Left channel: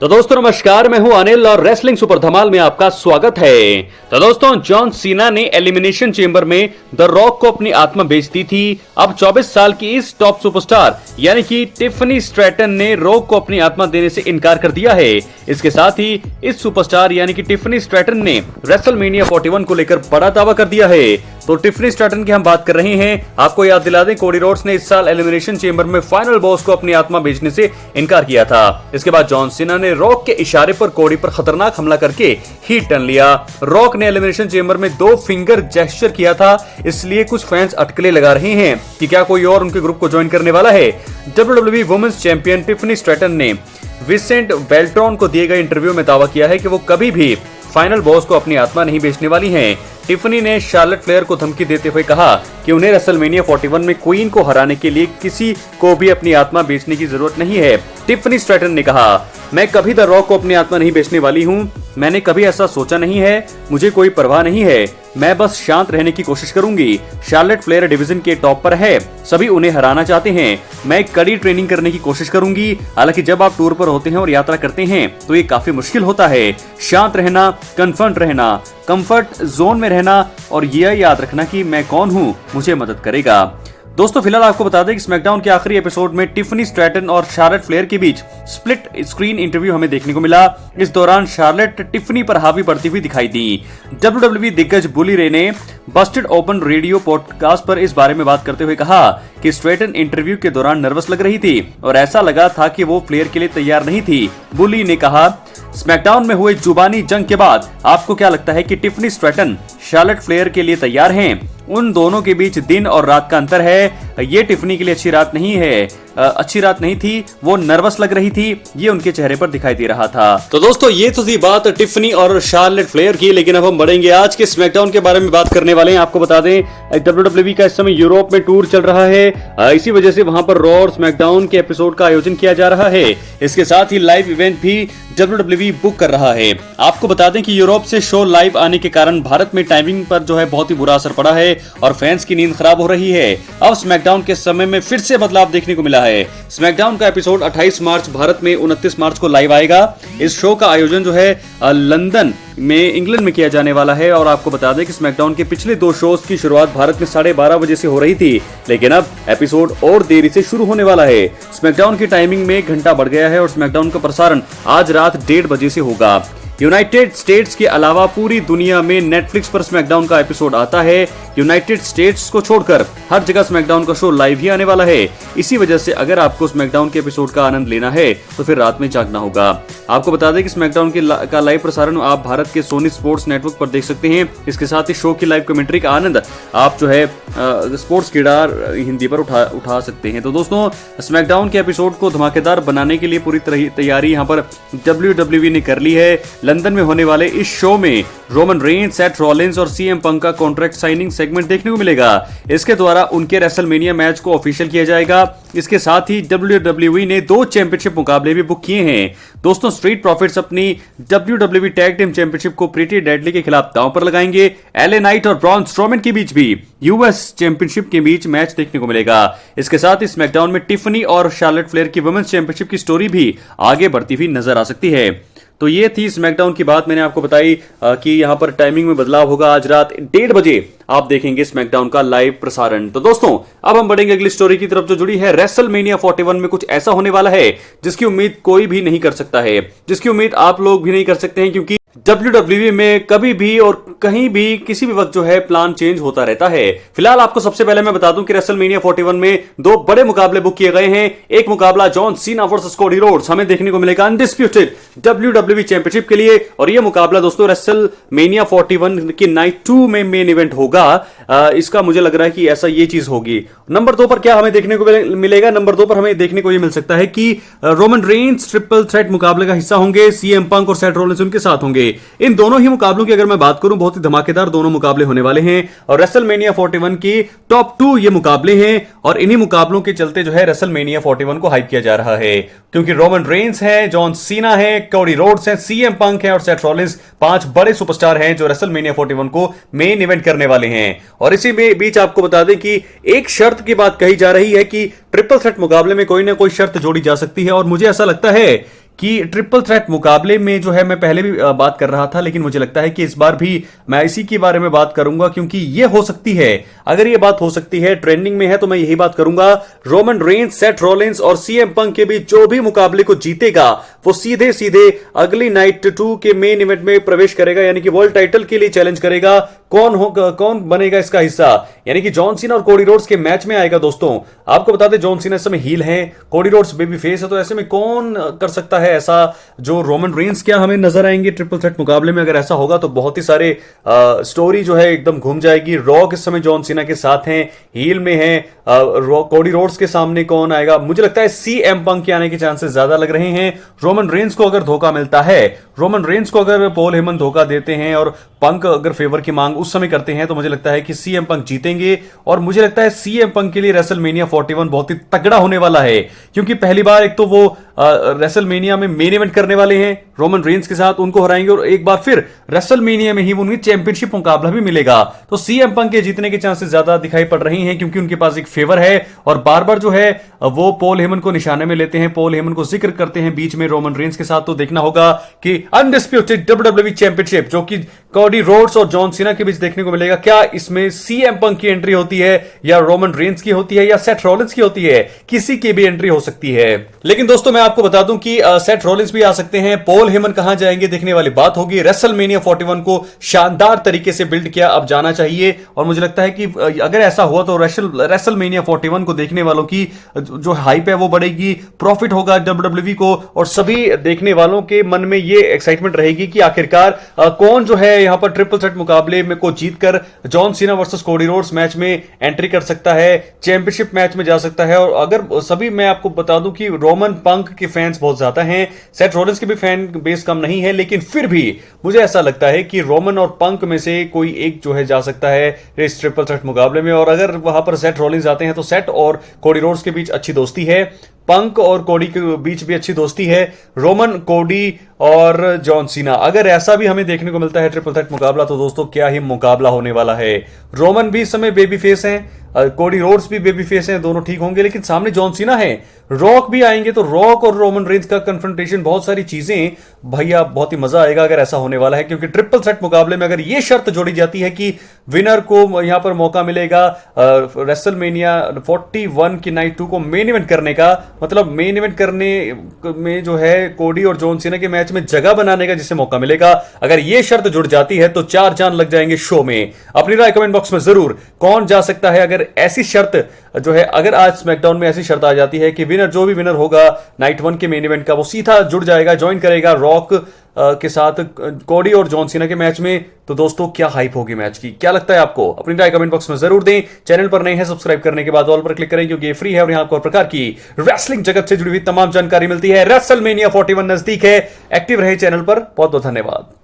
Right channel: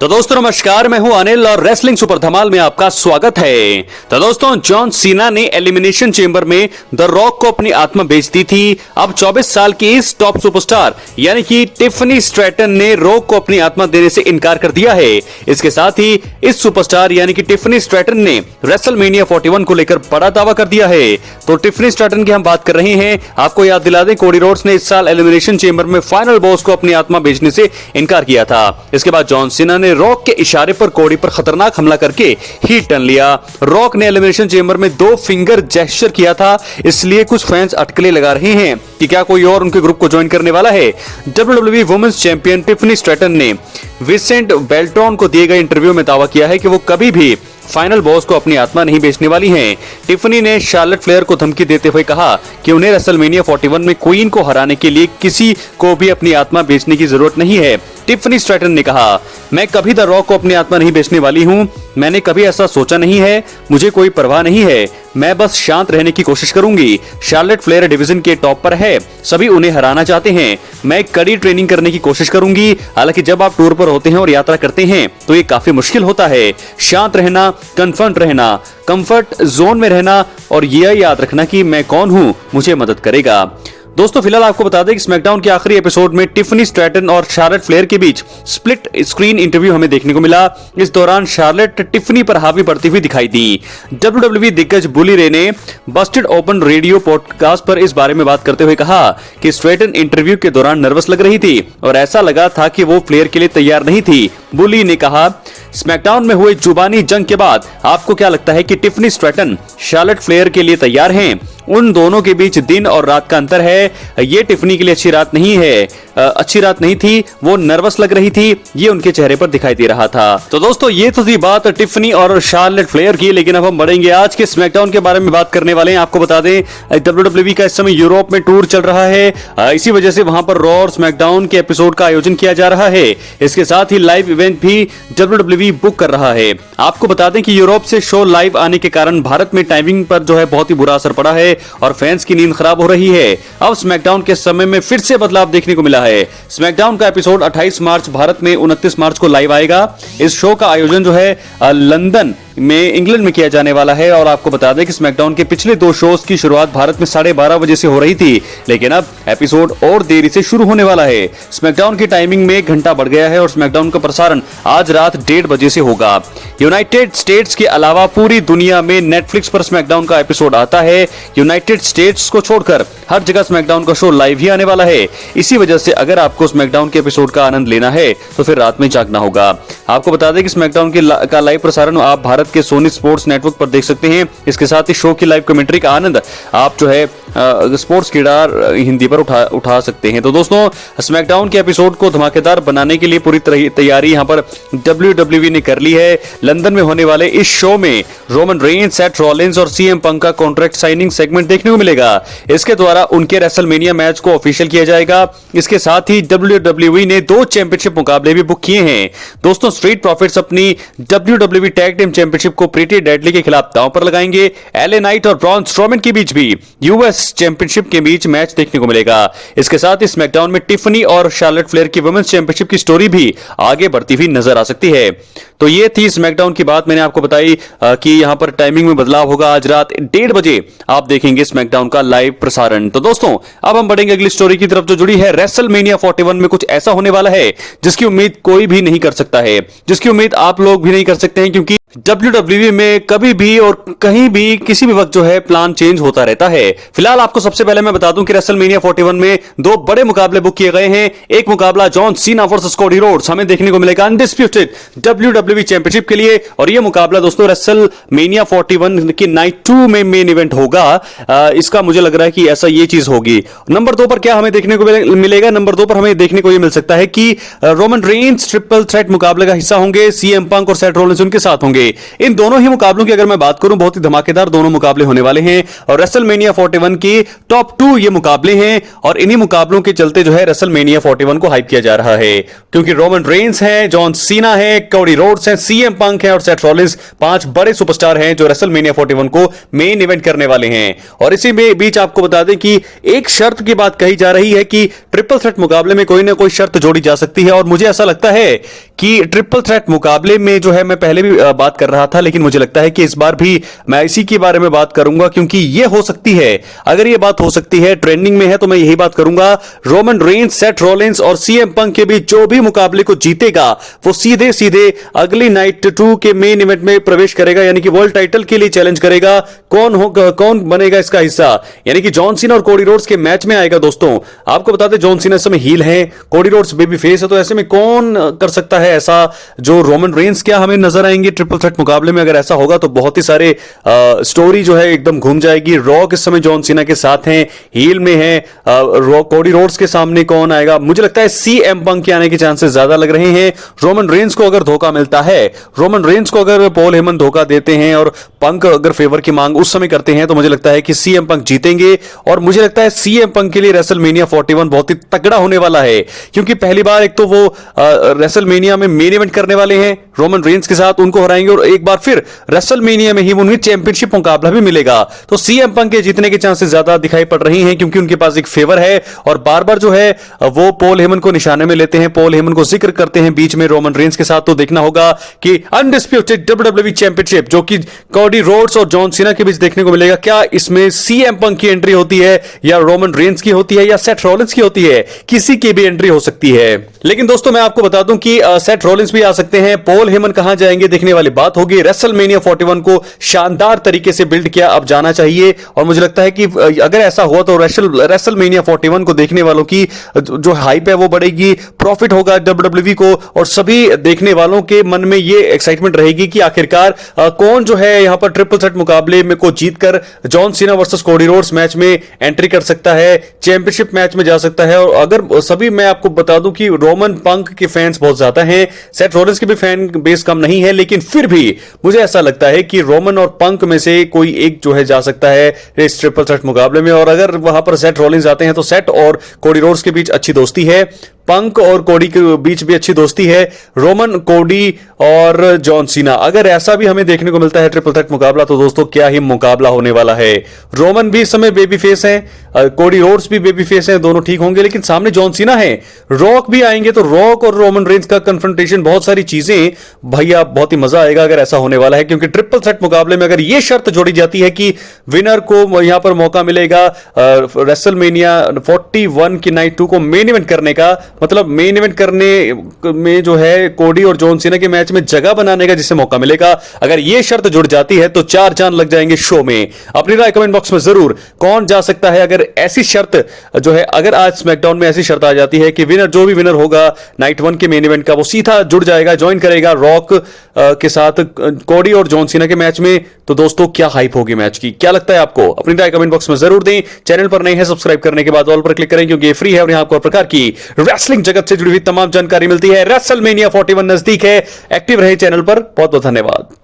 तो दोस्तों नमस्कार, मैं हूं अनिल और रेसलिंग सुपर धमाल में आपका स्वागत है। तो दोस्तों जॉन सीना ने एलिमिनेशन चेंबर में द रॉक को अपनी आत्मा बेच दी थी। अब 24 साल की इस टॉप सुपरस्टार यानी कि टिफनी स्ट्रैटन ने रॉक को अपनी आत्मा देने से इनकार कर दिया है। इसके साथ ही इस सुपरस्टार यानी कि टिफनी स्ट्रैटन ने रेसलमेनिया 41 को लेकर बड़ा दावा कर दिया है। तो टिफनी स्ट्रैटन की हम बात कर रहे हैं। आपको याद दिला दें, कोडी रोड्स ने इस साल एलिमिनेशन चेंबर में फाइनल बॉस को अपनी आत्मा बेचने से इनकार किया था। इसके बाद जॉन सीना ने रॉक के इशारे पर कोडी पर खतरनाक हमला करके हीट टर्न लिया। रॉक ने एलिमिनेशन चेंबर में 2 फिंगर जेस्चर किया था, इसलिए कुछ फैंस अटकलें लगा रहे हैं कि क्या कोई और उनके ग्रुप को ज्वाइन करने वाला है। WWE women's champion Tiffany Stratton ने विसेंट बेल्ट्रॉन को दिए गए इंटरव्यू में दावा किया है कि वो कभी भी फाइनल बॉस को अपनी आत्मा नहीं बेचने वाली हैं। टिफनी ने शार्लेट फ्लेयर को धमकी देते हुए कहा कि उन्हें रेसलमेनिया 41 में क्वीन को हराने के लिए किसी को भी अपनी आत्मा बेचने की जरूरत नहीं है। टिफनी स्ट्रैटन ने कहा, मैं कभी द रॉक को अपनी आत्मा नहीं बेचने वाली हूं। मैंने कभी ऐसा सोचा नहीं है। मुझे कोई परवाह नहीं है। मैं बस शांत रहने की कोशिश करूंगी। शार्लेट फ्लेयर डिवीजन के टॉप पर है, सभी उन्हें हराना चाहते हैं। मैं कड़ी ट्रेनिंग करने की कोशिश करूंगी। हालांकि जब आप टूर पर होते हैं और यात्रा करते हैं तो ये काफी मुश्किल होता है। शांत रहना, कन्फर्ट रहना, कंफर्ट जोन में रहना और यह याद रखना कि मैं कौन हूं मुझे मदद करेगा। दोस्तों फिलहाल आपको बता दें कि स्मैकडाउन के आखिरी एपिसोड में टिफनी स्ट्रैटन और शार्लेट फ्लेयर के बीच स्प्लिट स्क्रीन इंटरव्यू हमें देखने को मिला। इस दौरान शार्लेट टिफनी पर हावी बढ़ती हुई दिखाई दी। WWE दिग्गज बुली रे ने बस्टेड ओपन रेडियो पॉडकास्ट पर इस बारे में बात करते हुए कहा कि स्ट्रैटन इंटरव्यू के दौरान नर्वस लग रही थी और ऐसा लगा था कि वो फ्लेयर के लिए तैयार नहीं थी। बुली ने कहा, स्मैकडाउन में हुए जुबानी जंग के बाद आपको क्या लगता है कि टिफनी स्ट्रैटन शार्लेट फ्लेयर के लिए तैयार हैं? उन दोनों के बीच दिन और रात का अंतर है। ये टिफनी के लिए अच्छी रात नहीं थी। वो नर्वस लग रही थी, ये उनके चेहरे पर दिखाई दे रहा था। तो दोस्तों ये तो थी बात टिफनी और शार्लेट फ्लेयर की, लेकिन अब हम बढ़ेंगे आज के स्मैकडाउन के बारे में बात करने वाले हैं। आपको बता दें WWE का इस समय यूरोप में टूर चल रहा है। इसी वजह से वहां पर रॉ और स्मैकडाउन के एपिसोड का आयोजन किया जा रहा है। इसके साथ ही लाइव इवेंट भी WWE बुक कर रहा है। आपको बता दें कि यूरोप से शो लाइव आने के कारण भारत में टाइमिंग पर जो है बहुत ही बुरा असर पड़ा है और फैंस की नींद खराब हो रही है। अब स्मैकडाउन के समय में फिर से बदलाव देखने को मिला है। स्मैकडाउन का एपिसोड 28 मार्च भारत में, 29 मार्च को लाइव आएगा। इस शो का आयोजन जो है लंदन में, इंग्लैंड में किया जाने वाला है। और आपको बता दें कि स्मैकडाउन के पिछले 2 शोज की शुरुआत भारत में 12:30 बजे से हो रही थी, लेकिन अब एपिसोड और देरी से शुरू होने वाला है। स्मैकडाउन की टाइमिंग में 1 घंटा बढ़ गया है और स्मैकडाउन का प्रसारण आज रात 1:30 बजे से होगा। यूनाइटेड स्टेट्स के अलावा पूरी दुनिया में नेटफ्लिक्स पर स्मैकडाउन का एपिसोड आता है। यूनाइटेड स्टेट्स को छोड़कर हर जगह स्मैकडाउन का शो लाइव ही आने वाला है। इसी वजह से अगर आपको स्मैकडाउन के एपिसोड का आनंद लेना है तो फिर रात में जागना होगा। आपको बता दें कि स्मैकडाउन का लाइव प्रसारण आप भारत के सोनी स्पोर्ट्स नेटवर्क पर देख सकते हैं। इसके साथ ही शो की लाइव कमेंट्री का आनंद आप जो है स्पोर्ट्स किडार हिंदी पर उठा सकते हैं। तो दोस्तों स्मैकडाउन के एपिसोड को धमाकेदार बनाने के लिए पूरी तैयारी यहाँ पर WWE ने कर ली है। लंदन में होने वाले इस शो में रोमन रेंस, सेथ रॉलिंस और CM पंक का कॉन्ट्रैक्ट साइनिंग सेगमेंट देखने को मिलेगा। इसके द्वारा उनके रेसलमेनिया मैच को ऑफिशियल किया जाएगा। इसके साथ ही WWE ने 2 चैंपियनशिप मुकाबले भी बुक किए हैं। दोस्तों स्ट्रीट प्रॉफिट्स अपनी WWE टैग टीम चैंपियनशिप को प्रीटी डेडली के खिलाफ दांव पर लगाएंगे। LA नाइट और ब्रॉन स्ट्रोमन के बीच भी US चैंपियनशिप के बीच मैच देखने को मिलेगा। इसके साथ ही स्मैकडाउन में टिफनी और शार्लेट फ्लेयर की वुमेन्स चैंपियनशिप की स्टोरी भी आगे बढ़ती हुई नजर आ सकती है। तो ये थी स्मैकडाउन की बात, मैंने आपको बताई कि यहां पर टाइमिंग में बदलाव होगा। आज रात 1:30 बजे आप देखेंगे स्मैकडाउन का लाइव प्रसारण। तो दोस्तों अब हम बढ़ेंगे अगली स्टोरी की तरफ जो जुड़ी है रेसलमेनिया 41 में। कुछ ऐसा होने वाला है जिसकी उम्मीद कोई भी नहीं कर सकता है, जिसकी उम्मीद आप लोग भी नहीं कर सकते हैं, क्योंकि WWE में कभी भी और कहीं भी किसी भी वक्त जो है प्लान चेंज होता रहता है। फिलहाल आपको सबसे पहले मैं बता दूं कि रेसलमेनिया 41 में 2 बड़े मुकाबले बुक किए गए हैं। एक मुकाबला John Cena versus Cody Rhodes हमें देखने को मिलेगा अनडिस्प्यूटेड WWE चैंपियनशिप के लिए, और यह मुकाबला दोस्तों रेसलमेनिया 41 की नाइट 2 में मेन इवेंट होगा। इसका मुझे लग रहा है कि ऐसा ये चीज होगी। नंबर 2 पर क्या हमें देखने को मिलेगा? नंबर 2 पर हमें देखने को यह मिल सकता है कि रोमन रेंस ट्रिपल थ्रेट मुकाबले का हिस्सा होंगे। CM पंक और सेथ रॉलिंस उनके साथ होंगे। इन दोनों ही मुकाबलों की अगर मैं बात करूं, बहुत ही धमाकेदार दोनों मुकाबले होने वाले हैं और रेसलमेनिया 41 की टॉप 2 ये मुकाबले हैं। और इन्हीं मुकाबलों के चलते जो है रेसलमेनिया 41 को हाइप किया जा रहा है, क्योंकि रोमन रेंस है, जॉन सीना है, कोडी रोड्स है, CM पंक है और सेथ रॉलिंस 5 बड़े सुपरस्टार हैं जो रेसलमेनिया 41 को मेन इवेंट करने वाले हैं। और इसी बीच आपको बता दें कि एक शर्त की बात कही जा रही है कि ट्रिपल थ्रेट मुकाबले में कोई ना कोई शर्त जोड़ी जा सकती है। और मुझे ऐसा लगता है कि ट्रिपल थ्रेट मुकाबले में जो है मैं पहले भी बात कर रहा था, लेकिन मुझे लगता है कि इस बार भी मैं इसी के बारे में बात करूंगा, क्योंकि ये हो सकती है, अगर ये बात हो सकती है, ट्रेंडिंग में है, तो मैं यही बात करूंगा। रोमन रेंस, सेथ रॉलिंस और सीएम पंक के बीच जो भी मुकाबले को जीतेगा वो सीधे सीधे अगली नाइट 2 के मेन इवेंट में प्रवेश करेगा, यानी कि वर्ल्ड टाइटल के लिए चैलेंज करेगा। कौन बनेगा इसका हिस्सा, यानी कि जॉन सीना और कोडी रोड्स के मैच में आएगा। दोस्तों आपको बता दें, जॉन सीना इस समय हील है, कोडी रोड्स बेबी फेस है, तो ऐसे में कौन कर सकता है ऐसा जो रोमन रेंस क्या हमें नजर आएंगे ट्रिपल थ्रेट मुकाबले में? अगर ऐसा होगा तो बहुत ही सारे स्टोरी जो है एकदम घूम जाएगी। रॉक इस समय जॉन सीना के साथ हैं, हील में है, कोडी रोड्स के सामने कौन आएगा? मुझे लगता है सीएम पंक के आने के चांसेस ज्यादा लग रहे हैं। रोमन रेंस को अगर धोखा मिलता है, रोमन रेंस को अगर पॉल हेमन धोखा देते हैं और पंक अगर फेवर की मांग उस समय करते हैं, तो मुझे लगता है कि सीएम पंक जीतेंगे। और मुझे लगता है सीएम पंक के लिए रेसलमेनिया 41 बहुत ही तगड़ा होने वाला है, क्योंकि पहली बार एक तो वो रेसलमेनिया में मेन इवेंट करने वाले हैं रोमन रेंस के साथ, उनको हराएंगे, और एक बार फिर रेसलमेनिया में ही उन्हें चैंपियनशिप मुकाबला भी मिलेगा। तो सीएम पंक के जीतने के चांसेस ज्यादा दिखाई पड़ रही हैं, क्योंकि उनके पास एक फेवर है और बार बार जो है वो पॉल हेमन को निशाने में लेते हैं, पॉल हेमन को जिक्र करते हैं बीच में रोमन रेंस के साथ। तो देखना होगा कि अनडिस्प्यूटेड डब्ल्यूडब्ल्यूई चैंपियनशिप जो कि कोडी रोड्स और जॉन सीना के बीच देखने को मिलेगा, क्या इसमें सीएम पंक की एंट्री होती है या रोमन रेंस की होती है या सेथ रॉलिंस की होती है? किसी की भी एंट्री हो सकती है। लेकिन दोस्तों मैं आपको बता दूं कि सेथ रॉलिंस भी आ सकते हैं, पॉल हेमन कहां जाएंगे देखने वाली बात होगी। रेसलमेनिया 41 को शानदार तरीके से बिल्ड किया अब जाना चाहिए, और मुझे लगता है कि अगर ऐसा हुआ तो रेसलमेनिया 41 को देखने वालों की जो हाइप है वो बढ़ेगी, प्रॉफिट होगा डब्ल्यूडब्ल्यूई को, और सभी देखने वालों के मन में ये एक्साइटमेंट रहेगी कि आखिरकार कौन जो है यहां पर ट्रिपल थ्रेट मुकाबले में को जीतकर John Cena versus Cody Rhodes match में एंट्री कर सकता है, चैंपियनशिप मैच में जा सकता है। और अगर सभी, मैं आपको बता दूं कि रोमन पंक के फैंस बहुत ज्यादा हैं, सेथ रॉलिंस के भी फैन बेस कम नहीं है, लेकिन फिर भी मुझे ऐसा लगता है कि रोमन और पंक में से कोई एक जो है जा सकता है इस ट्रिपल थ्रेट मुकाबले में। और अगर वहां पर सेथ रॉलिंस आते हैं तो सेथ और कोडी रोड्स के बीच अच्छी दोस्ती है, पंक और कोडी के बीच भी अच्छी दोस्ती है, रोमन, कोडी और जॉन सीना, अगर ऐसा भी हमें देखने को मिलता है ट्रिपल थ्रेट मुकाबला, तो दोस्तों क्या ही मुकाबला होने वाला है। रोमन भी इस समय बेबी फेस है, कोडी रोड्स भी बेबी फेस है, दोनों ठीक होंगे, लेकिन सामने जॉन सीना है, रॉक भी आएंगे, तो रॉक और रोमन रेंस का कन्फ्रंटेशन, बहुत सारी चीजें भैया, बहुत ही मजा आएगा अगर ऐसा होने वाला है। क्योंकि ट्रिपल थ्रेट मुकाबले में अगर यह शर्त जोड़ी जाती है कि विनर को यहां पर मौका मिलेगा रेसलमेनिया 41 की नाइट 2 को मेन इवेंट करने का, मतलब मेन इवेंट करने में जो है कोडी और जॉन सीना के मैच में जगह बनाने का जिसे मौका मिलेगा, अगर यह शर्त जुड़ जाती है तो 4 चांद लग जाएंगे शो में। अपनी राय कमेंट बॉक्स में जरूर, कौन जा सकता है अगर ऐसी शर्त जो है, अगर आज स्मैकडाउन में ऐसी शर्त आ जाती है कि विनर, जो भी विनर होगा नाइट 1 के मेन इवेंट का, वो सीधा जुड़ जाएगा, ज्वाइन करेगा रॉक के साथ कोडी और जॉन सीना के मैच में, तो दोस्तों क्या हाइप होगी मैच की? क्या लगता है आपको? अपनी राय कमेंट बॉक्स में जरूर दें। चैनल पर नए हैं, सब्सक्राइब करने के बाद ऑल पर क्लिक करें, क्योंकि ये फ्री है और यहां आपको प्रकार की रेसलिंग जगत से जुड़ी हुई तमाम जानकारी मिलती है। रेसलमेनिया 41 नजदीक है, एक्टिव रहे चैनल पर। बहुत बहुत धन्यवाद।